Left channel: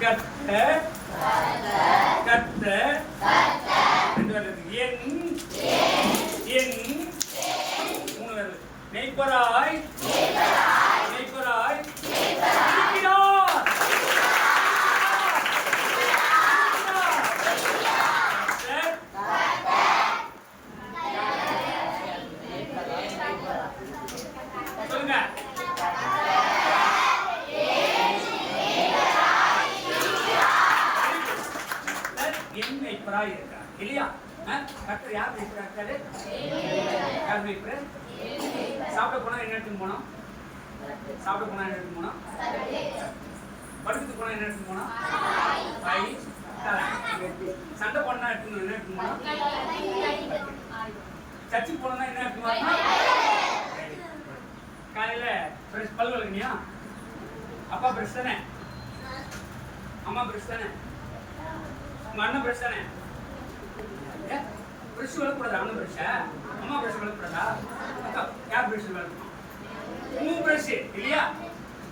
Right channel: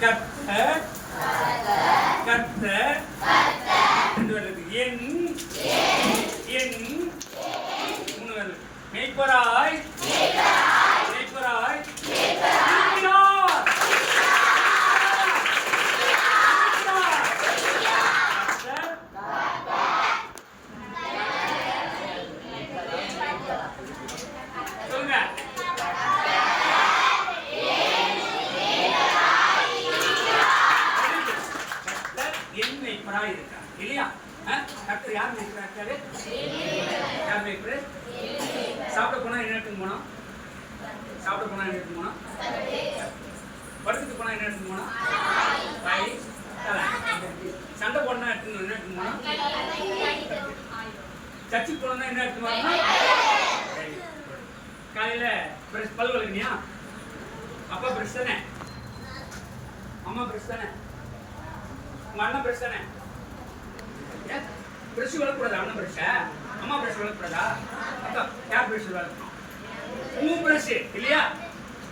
கர்த்தர் கர்த்தர் என் மெய்ப்பராய் சொல்லுங்க. என் மெய்ப்பராய் இருக்கான் இல்லையா? கர்த்தர் யார் மெய்ப்பரா இருக்காரு? யார் மெய்ப்பரு? சாப்பிட போனா என்ன எடுத்துன்னு போனோம்? சாப்பிட போனா என்ன எடுத்துன்னு போனோம்? படுத்துட்டு போனா என்ன எடுத்துன்னு போனோம்? சண்டை போனா எடுத்துன்னு போனோம்? சர்ச்சுக்கு போனா என்ன எடுத்துன்னு வரணும்? காலையில பிரஷ் பல் விளக்குனியா? அப்பா பிரஷ் தானே? அம்மா பிரஷ் தானே? உங்க அண்ணன் பிரஷ் தானே? பிரஷ் விளக்கூடாதா? அண்ணன் பிரஷா? அம்மா பிரஷ் விளக்கூடாதா? அக்கா யார் பிரஷ் விளக்கணும்? உங்க பிரஷ் இல்லையா?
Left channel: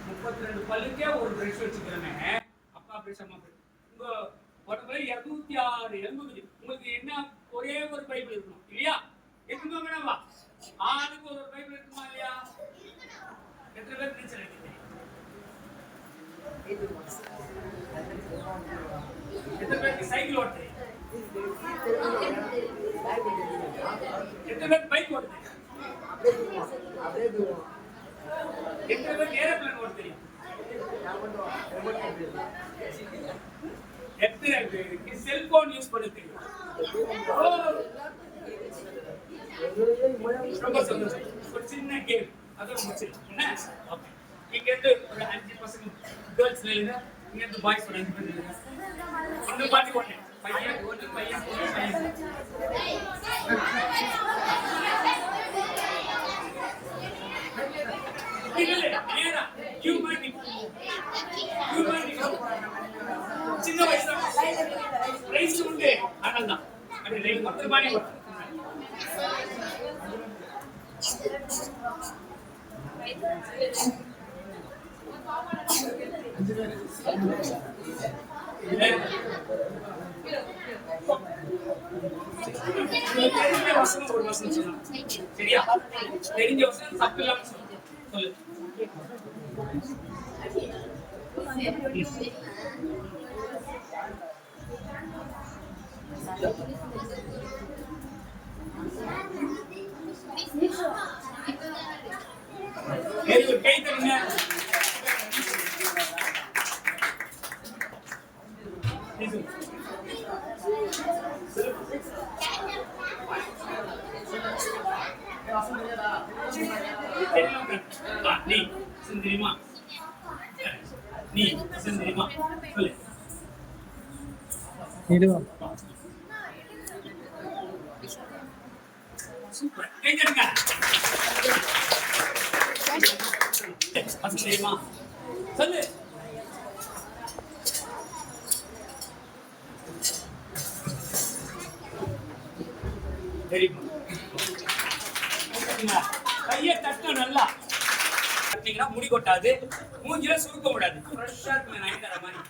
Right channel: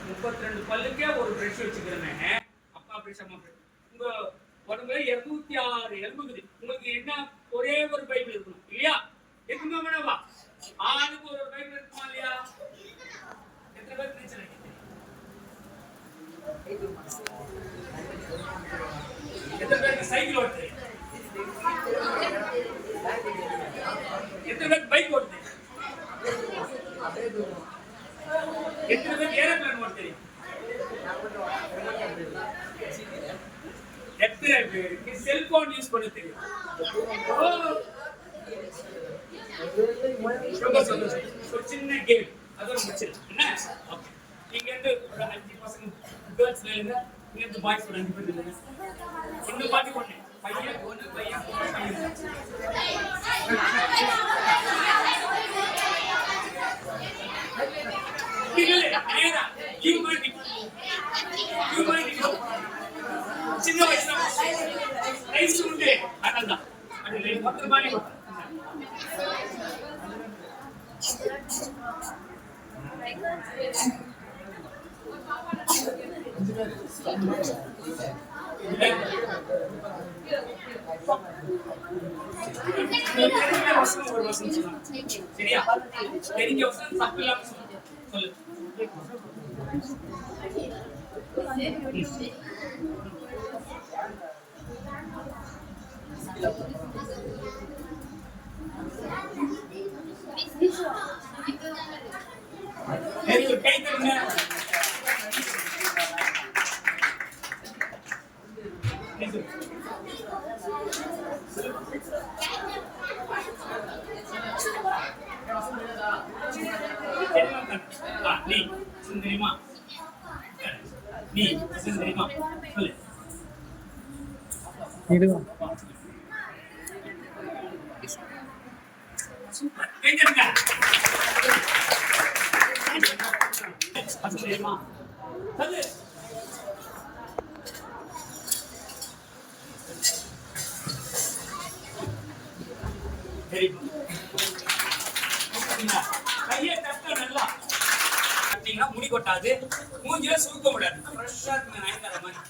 32 பல்லுக்கே ஒரு பிரஷ் வச்சுக்கிறேங்க. அப்பா பிரஷ் அம்மா பிரஷ். உங்க உடம்புல 206 எலும்பு இருக்குது. உங்களுக்கு என்ன ஒரே ஒரு பைபிள் இருக்கணும் இல்லையா? இருக்குமா வேணாமா? ஆளுக்கு ஒரு பைபிள் இருக்குமா இல்லையா? எத்தனை பேர் நீச்சல் அடிக்கிறீங்க? எத்தனை பேருக்கு சைக்கிள் ஓட்டுறீங்க? எத்தனை பேருக்கு பைக் ஓட்டுறீங்க? எத்தனை பேருக்கு ஏரோப்ளேன் ஓட்டுறீங்க? எத்தனை பேருக்கு செல்போன் யூஸ் பண்ண தெரியும்? ரொம்ப சந்தோஷம். ஒரு சின்ன கேம் அதோட முடிச்சிருக்கேன். என்ன ஓகே, இங்க இருந்து ஒரு 5 பசங்க கேர்ள்ஸ்ல இல்ல, இங்க இருந்து பாய்ஸ் ஒரு 5 பேர் இல்ல. இன்னும் பாட்டி ஒண்ணு பையன் பொண்ணு பையன் பொண்ணு பையன். இல்ல நேரா ஹியூமன் சின்ன வயசுல ரைஸ் உண்டு அதான் அது லைக் மொத்த பாடி சரியா? தெரிஞ்ச வசனம் தப்பு இல்லாம சொல்லு. கை தருங்க. நீ சுந்தரிமா, நீ சுந்தரிமா சொல்லு. சூப்பர், கை தருங்க. சுந்தரிமா சொல்லு. Very good. கையை தட்ட நல்லா தட்டிங்கன்னா முடி கொட்டாது, மூஞ்சில சுருக்க கூடாது. ஃப்ரெஷ்ஷா இருக்கு நான் தர மாதிரி.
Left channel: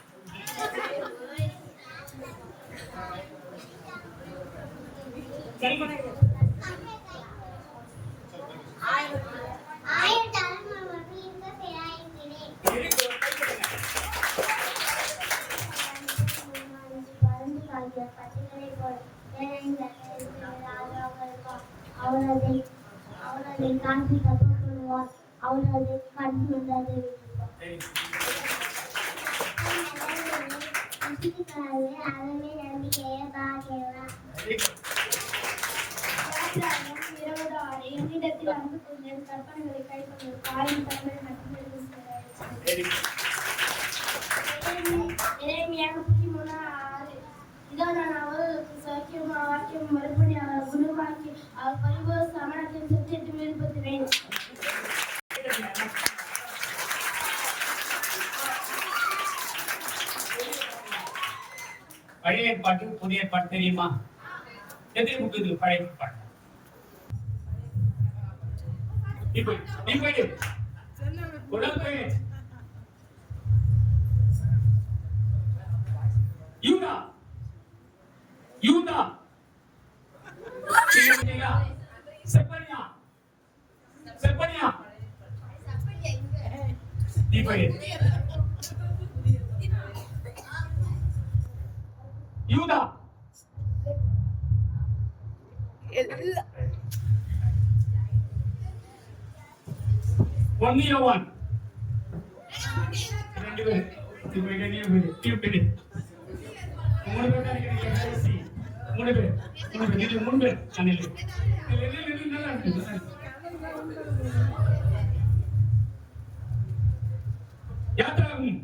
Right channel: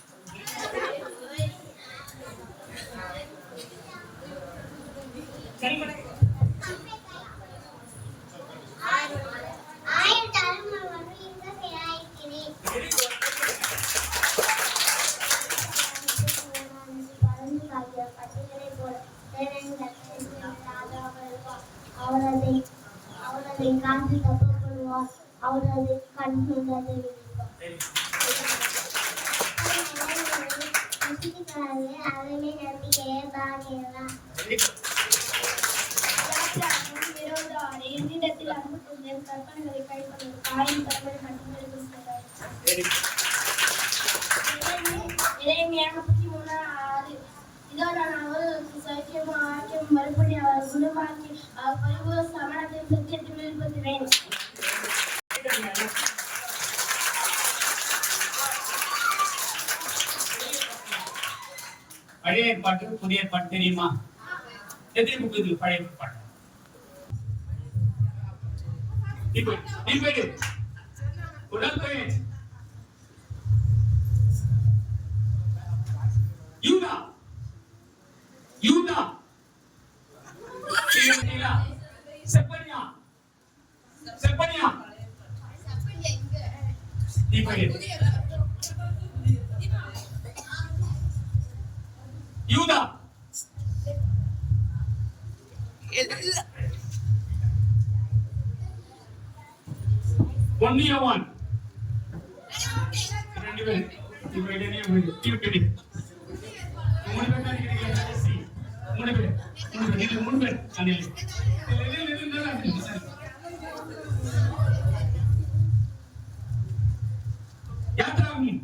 அவனதை காட்சி தப்புவார், அவனது கண்ணுள்ளது அதவே நம்பிக்கையே பாக்கிறார். என்னிடத்தில் அன்பு கொண்டு கற்பனைகளை கைக்கொண்டு தாயின் தலைமை மட்டுமே இதோ நான் அவர்களுக்கு சைக்கியமும் ஆக்கியம் மறுபடி அவர் குணமாக்கி அவர் பரிபூர்ண சமணத்தின் சத்தியத்தில் வெளிப்படுத்தினேன். பழைய பாட்டு புதிய பாட்டு தெரியுமா? எத்தனை புக்கு இருக்கு பழைய பாட்டு? இப்போ உடம்பு யூதா. ஒன்னு யோவான். ரெண்டு பேர். மூணு பேர் தான் இருக்கிறீங்க. மூணு பேர் அணில். யாத்ராகும் நீங்க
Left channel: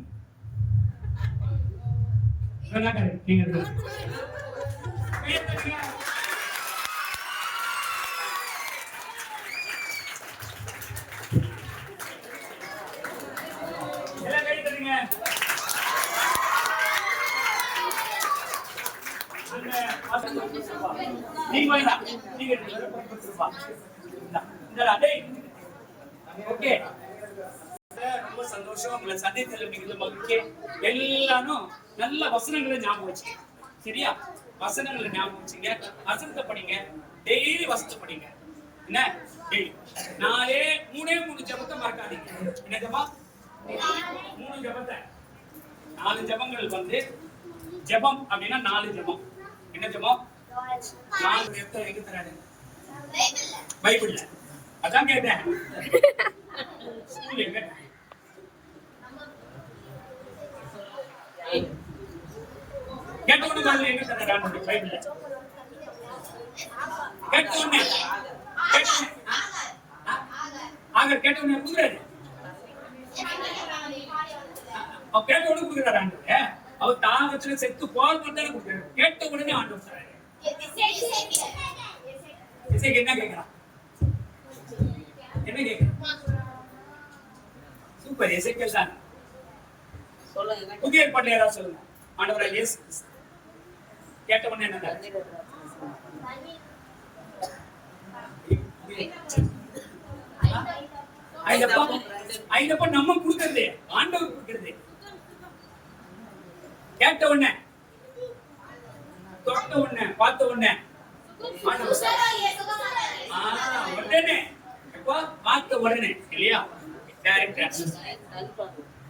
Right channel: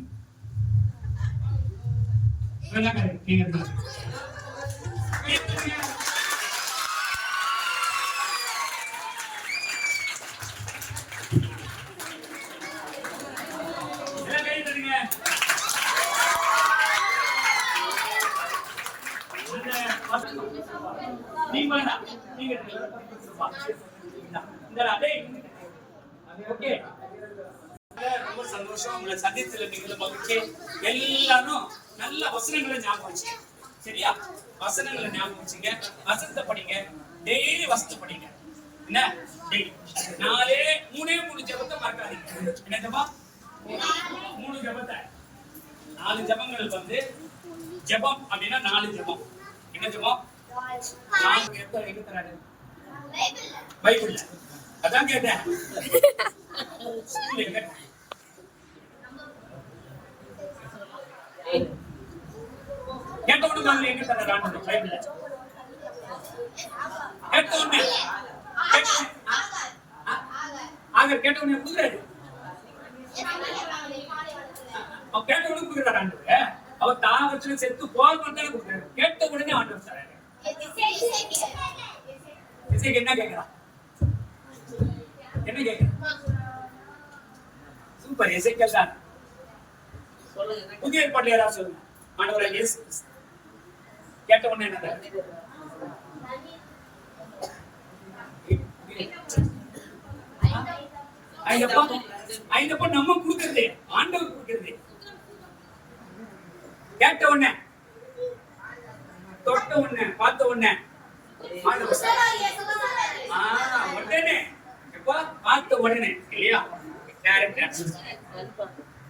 ரொம்ப சந்தோஷம் உங்களை சந்தித்தல மிகுந்த மகிழ்ச்சி. எல்லாரும் நல்ல வசனங்களை ஞாபகம் வச்சுங்க. சரியா? வசனங்களை ஞாபகம் வச்சுங்க. வசனத்தை படிங்க. டெய்லி வசனத்தை படிங்க. என்ன? மூணு ஜபத்தை மறக்காதீங்க. என்ன ஜபம்? 3 ஜபத்தை. 4 ஜபங்கள் வந்து ஜபம் அப்படின்னா 4 ஜபம். என்ன ஜபம்? 4 எங்க தராரு? பைபிள்ல. அதான் கேட்டேன். கேட்டவனு மாதிரி எங்க தராரு பைபிள்ல? கேட்டவனே ஆக கேட்டவனே கொடுக்குறாரு. கேட்டவனு கொடுக்குறாரு ஆண்டவரே. அவர் தான் வச்சு செத்து போக மாட்டானே கொடுக்குறாரு. கேட்ட உடனே ஆண்டவர் தராரு. என்ன கேட்கிறான்? என்ன கேட்கிறான்? சூப்பர். எசேக்கியேல் தான். புதிய ஏற்பாட்டுல யாராவது சொல்லுங்க. ஆண்டவரே இயேசு கேட்ட உடனே என்ன? ஐந்தப்ப நம்ம கொடுக்கறது ஆண்டவர் கொடுக்கறது. கேட்ட உடனே, தொட்ட உடனே, பார்த்த உடனே உடனே எப்போ பார்த்த உடனே இல்லையா? Direct answer,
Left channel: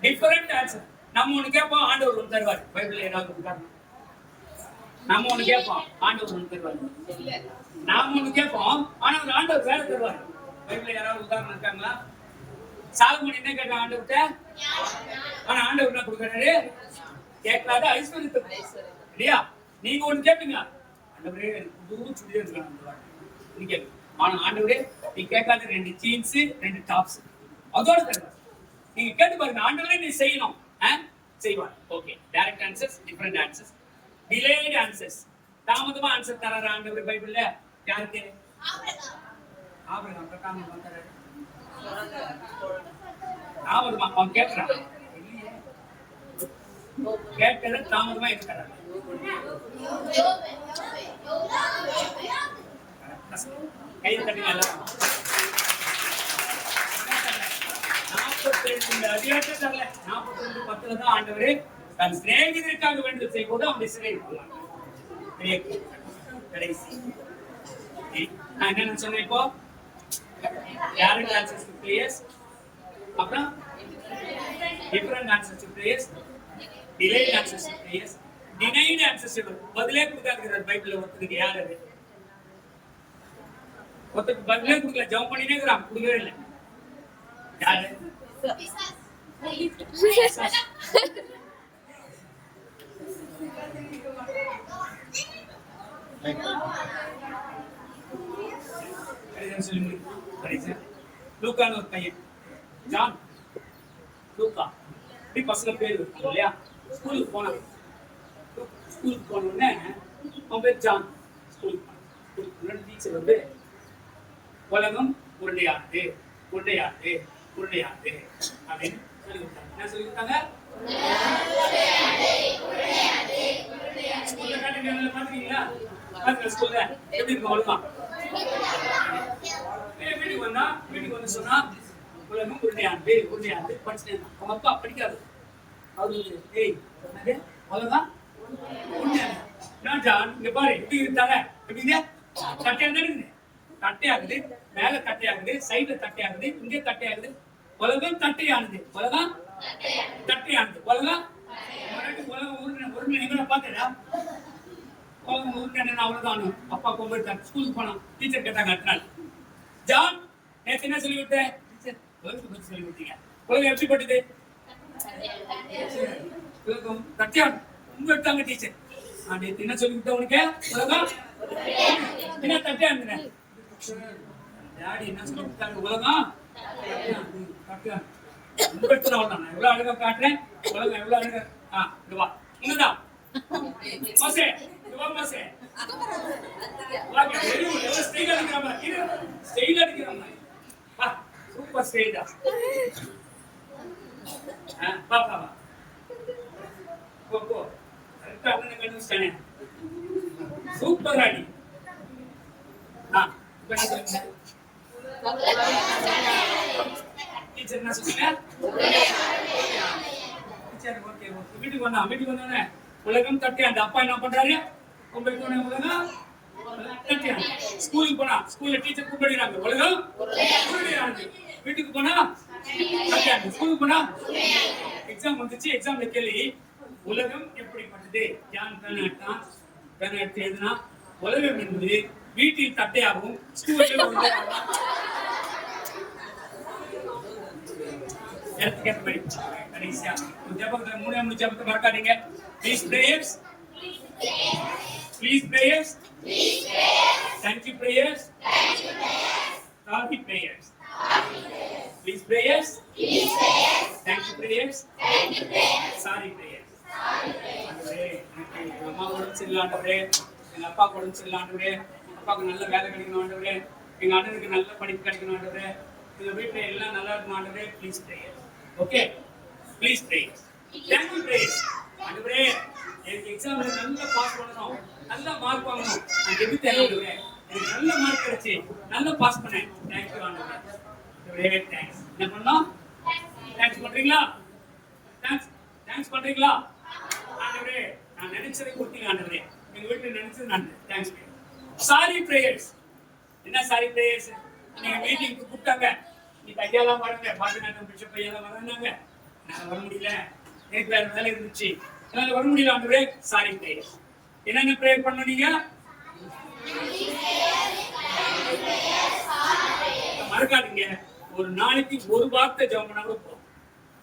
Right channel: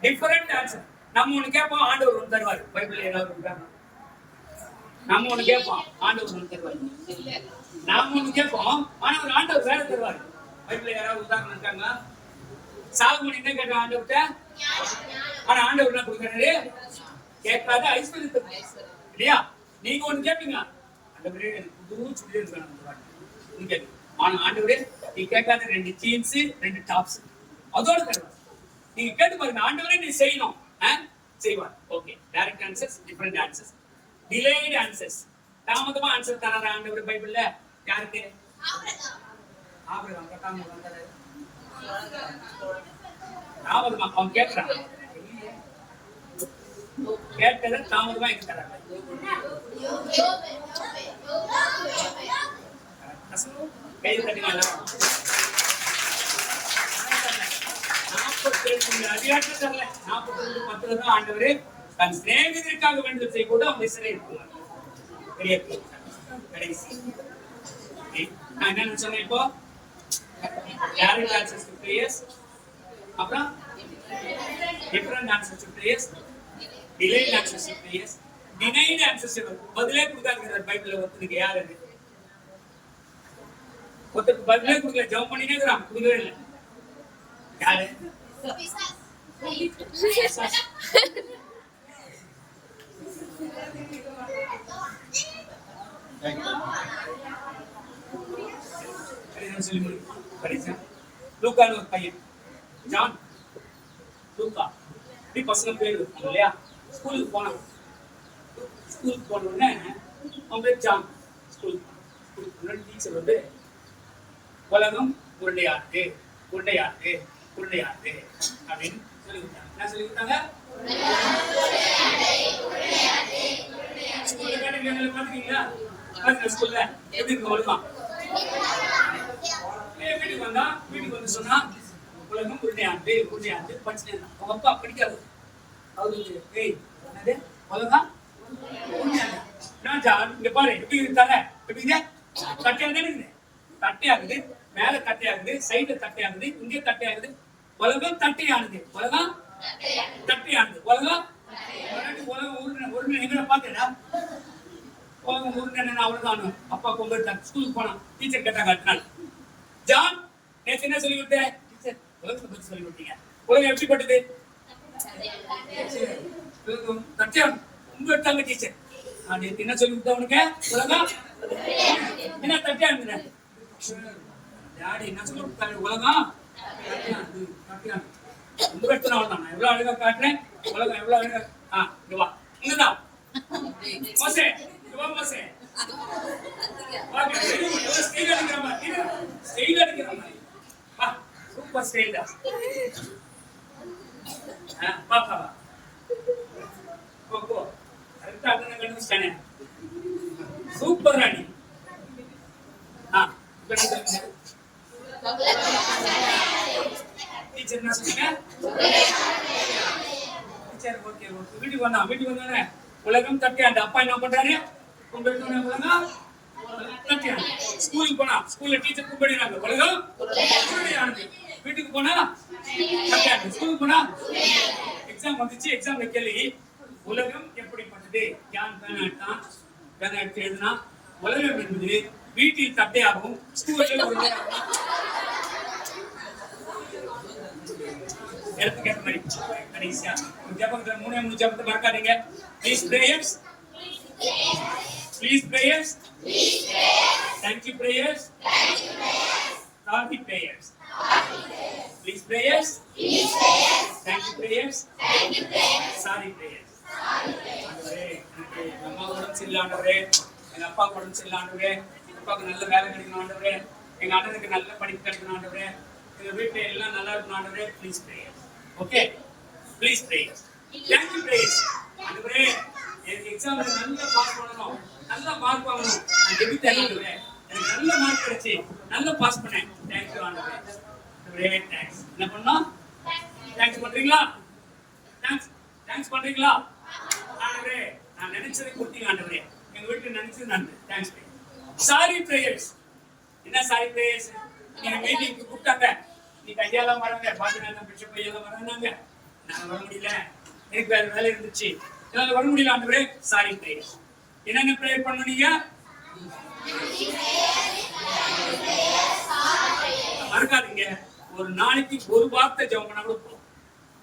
different answer. நம்ம ஒண்ணு கேட்போம், ஆண்டவர் ஒன்று தருவார். பைபிள்ல ஏதாவது இருக்காங்க? நம்ம ஒண்ணு கேட்போம், ஆண்டவர் ஒன்று தருவார். நாம ஒண்ணு கேட்போம், ஆனா ஒரு ஆண்டவர் வேற தருவார். பைபிள்ல யாராவது உதாரணம் இருக்காங்களா? சாகுமணி என்ன கேட்ட ஆண்டவர்கிட்ட? ஆனா ஆண்டவர் என்ன கொடுக்குறாரு? கேட்காத ஐஸ்வர்யத்தை இல்லையா? நீங்க ஒண்ணு கேட்பீங்க, ஆண்டவரே எனக்கு புது சுடிதார் வேணும். நீங்க ஆனா ஆண்டவரே நீ கேட்காத 2 ஜீன்ஸ் 2 டாப்ஸ் அதோட தருவார். நீங்க கேட்டு பாருங்க, ஆண்டவரே நீ செய்யணும் செய்வார். Okay. Direct answers, different answers, delayed answers. தாமதமா ஆன்சர் தராரு ஆண்டவர் பைபிள்ல. யாருக்கு? ஆபிரகாம். தாமதமா அவன் கேட்கிறான். கேட்டதை தாமதமா எங்க தராங்க? கை தட்டினால 42 அதிகாரத்தை தரல. 42:10 தான் ஆண்டவரே தன் சிநேகிதருக்காக வேண்டுதல் செய்ய கூட அவன் சிறை இருக்கலாம். கடைசி நான் என்ன சொன்னேன் இப்போ? direct answers to prayers, அப்புறம் different answers to prayers, delayed answers to prayers, denied answers to பதிலே கொடுக்காதீங்க. பைபிள்ல ஒருத்தருக்கு யார் அது? ஒருத்தருக்கு பதிலே கொடுக்கல, ஜெபம் பண்ணினே இருக்கிறான், கொடுக்கவே இல்லை. யாரு? லூக்கான்னு ஒரு பையன், ஜான், லூக்கா, இப்படி பசங்க பேர் இருக்காங்க இல்லையா? ஸ்கூலுக்கு போனாங்க. ஸ்கூலுக்கு போன உடனே அவன் பேர் ஜான். ஸ்கூலுக்கு டீச்சர் வந்து உலகம் உருண்டையானது, உருண்டையானது, உருண்டையானது அப்படின்னு சொல்லி கொடுத்தாங்க. என்ன சொல்லி கொடுத்தாங்க? ஸ்கூல்ல கேட்டீங்களா? பாத்துக்கீங்களா? ஸ்கூல்ல எப்படி இருக்கு ஒழுங்காம்? வீட்டுக்கு வந்தா, வீட்டுக்கு வந்து சொன்னா உலகம் உருண்டையானது, உருண்டையானது படிச்சுட்டே இருந்தான். அவங்க அப்பா படிக்காது. அவரு ஏய் என்னது உலகம் உருண்டையானது? இங்க பாரு எப்படி இருந்தாங்க, எப்படி தட்டையாக இருக்குது, தட்டையாகுது, மேல தட்டையாகுது, சைடுல தட்டையாகுது, இங்கே தட்டையாகுது. உலகம் தட்டையானது, உலகம் தட்டையானது. உலகம் உலகம் உருண்டை எங்களை பார்த்தேடா. உலகம் உருண்டை அவ்வளவுதான். அப்பா கொண்டு ஸ்கூலுக்கு போனான். டீச்சர் கேட்டாங்க அடுத்த நாள், ஜான் நேற்று என்ன சொல்லி கொடுத்தேன்? டீச்சர் உலகத்தை பத்தி சொல்லி கொடுத்தீங்க. உலகம் எப்படிப்பட்டது? உலகம் தட்டியான் ரொம்ப எடுத்தாங்க டீச்சர். நான் நேற்று என்ன சொல்லி கொடுத்தேன் உனக்கு? உலகம் என்ன தட்டியான் டாடி என்ன சொல்லி கொடுத்தாங்க? உலகம் தட்டியான் ரொம்ப எடுத்துனா தான். நான் எவ்வளவு அழகா காட்டுறேன். உலகம் எவ்வளவு அழகா. இங்க வா, இங்கதான் மசே, இங்க வா மசே. வாங்க, ஸ்டைல் அடிக்கிறோம். இது ஸ்டைல் அடிக்கிறோம். வா, சூப்பர் ஸ்டைல் தான். பாப்பா போ போ. கரெக்டா அண்ணனை கண்டுபிடிச்சானே. சூப்பர் ராணி. இப்ப என்ன சொல்லுங்க? டீச்சர் என்ன சொன்னீங்க? Teacher okay okay. வீட்டுக்கு வந்தானே உலகம் தட்டியாண்டு. அப்பா என்ன பண்றாரு? கும்பிட்டு உலகம் தட்டியாண்டு. ஸ்கூலுக்கு போனா ஸ்கூல்ல டீச்சர் கும்பிடுறாங்க. உலகம் கும்பிடுறாங்க. வீட்டுக்கு போனா தட்டியாண்டு. ஸ்கூலுக்கு போனா எக்ஸாம் வந்துச்சு. எக்ஸாம்ல கேள்வி, உலகம் எப்படிப்பட்டது? ஜான் பெர்னாட் எழுதினா உலகம் என்பது வீட்டில் தட்டையாகவும் ஸ்கூலில் எடுத்துக்கேற்ற மாதிரி கடைசியா ஜபத்தை 3 ஜபத்தை மறக்காதீங்க. Please prayers, please prayers, thank you prayers, sorry prayers, please prayers, thank you prayers, sorry prayers. எங்க அம்மா உடம்பு சரியில்லாண்டவரே, எங்க அப்பா உடம்பு சரியில்லாண்டவரே, அப்பாவுக்கு நல்ல வேலை கிடைக்கணும் ஆண்டவரே, எங்க அண்ணனுக்கு நல்ல படிப்பு கிடைக்கணும் ஆண்டவரே, எங்க வீட்டுல எல்லாம் நல்லா இருக்கும் ஆண்டவரே. Please prayers. Okay, please prayers, thank you prayers. ஆண்டவரே எனக்கு எக்ஸாம்ல நல்லா பாஸ் பண்ணணும், நல்ல மார்க் வாங்கணும். நான் எப்படி தெரியாதுவே எனக்கு நல்ல மார்க் கிடைச்சு நல்லா பாஸ் பண்ணேன். தேங்க் யூ ஆண்டவரே. ஆண்டவரே தேங்க்ஸ். என்ன பண்ணோம்? தேங்க்ஸ் பண்றீங்களா? தேங்க்ஸ் பண்றீங்களா? ஆண்டவரே நான் நினைச்சதை கொடுத்தீங்க ஆண்டவரே. எங்க வீட்டுல நினைச்சது நான் தேங்க்ஸ். Sorry prayers. என்ன சாரி பிரேயர்ஸ்? நீங்க மீட்டிங்க்கு கூப்பிட்டாங்க, நீ கையாலாம் வராங்க, பாத்தீங்கன்னா பிஷப் கையாலாம் வராங்க, நான் வர முடியல, எனக்கு வேற வேலை இருந்துச்சு, என்னால வர முடியல ஆண்டவரே. Sorry prayers. என்னென்ன பிரேயர் பண்ணீங்க? மறக்காதீங்க, ஒரு நாளைக்கு ஒரு வார்த்தை ஜெபம் பண்ணா கூட போதும்.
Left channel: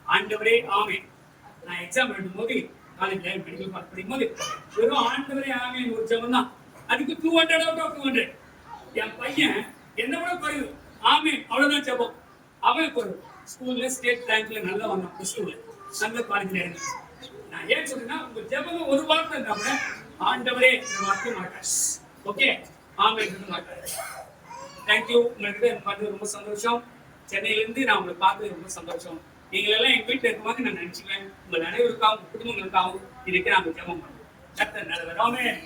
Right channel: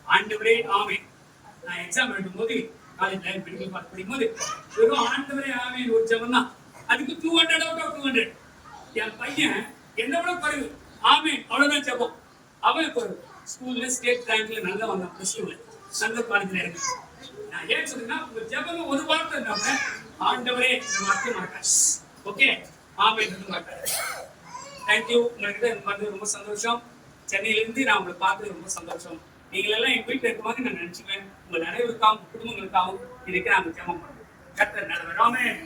ஆண்டவரே ஆமென். நான் எக்ஸாம் எழுதும்போது காலேஜ் மெடிக்கல் பாஸ் படிக்கும்போது வெறும் ஆண்டவரே ஆமென் ஒரு ஜெபம் தான். அதுக்கு 200 out of 200. என் பையன் என்ன விட குறைவு ஆமென் அவ்வளவுதான் ஜெபம். அவனுக்கு ஒரு ஸ்கூல்ல ஸ்டேட் ரேங்க்ல நல்லா வந்தான். பிளஸ் டூல நல்ல காலேஜ்ல இருக்கு. நான் ஏன் சொல்றேன்னா, உங்க ஜெபம் ஒரு வார்த்தை இருந்தாம ஆண்டவரே இந்த வார்த்தை மாட்டார். ஓகே, ஆமென் மாட்டார். தேங்க்யூ. உங்களுக்கு பார்த்து ரொம்ப சந்தோஷம். சென்னையில இருந்து நான் உங்களை பார்த்து ரொம்ப சந்தோஷம். நீங்க எல்லாம் எங்க வீட்டுல இருக்க மாதிரி நான் நினைச்சுக்கிறேன். உங்க அனைவருக்காகவும் குடும்பங்களுக்காகவும் இன்னைக்கு நாங்க ஜெபம் பண்றோம். கர்த்தர் நல்லவர். ஆமென்.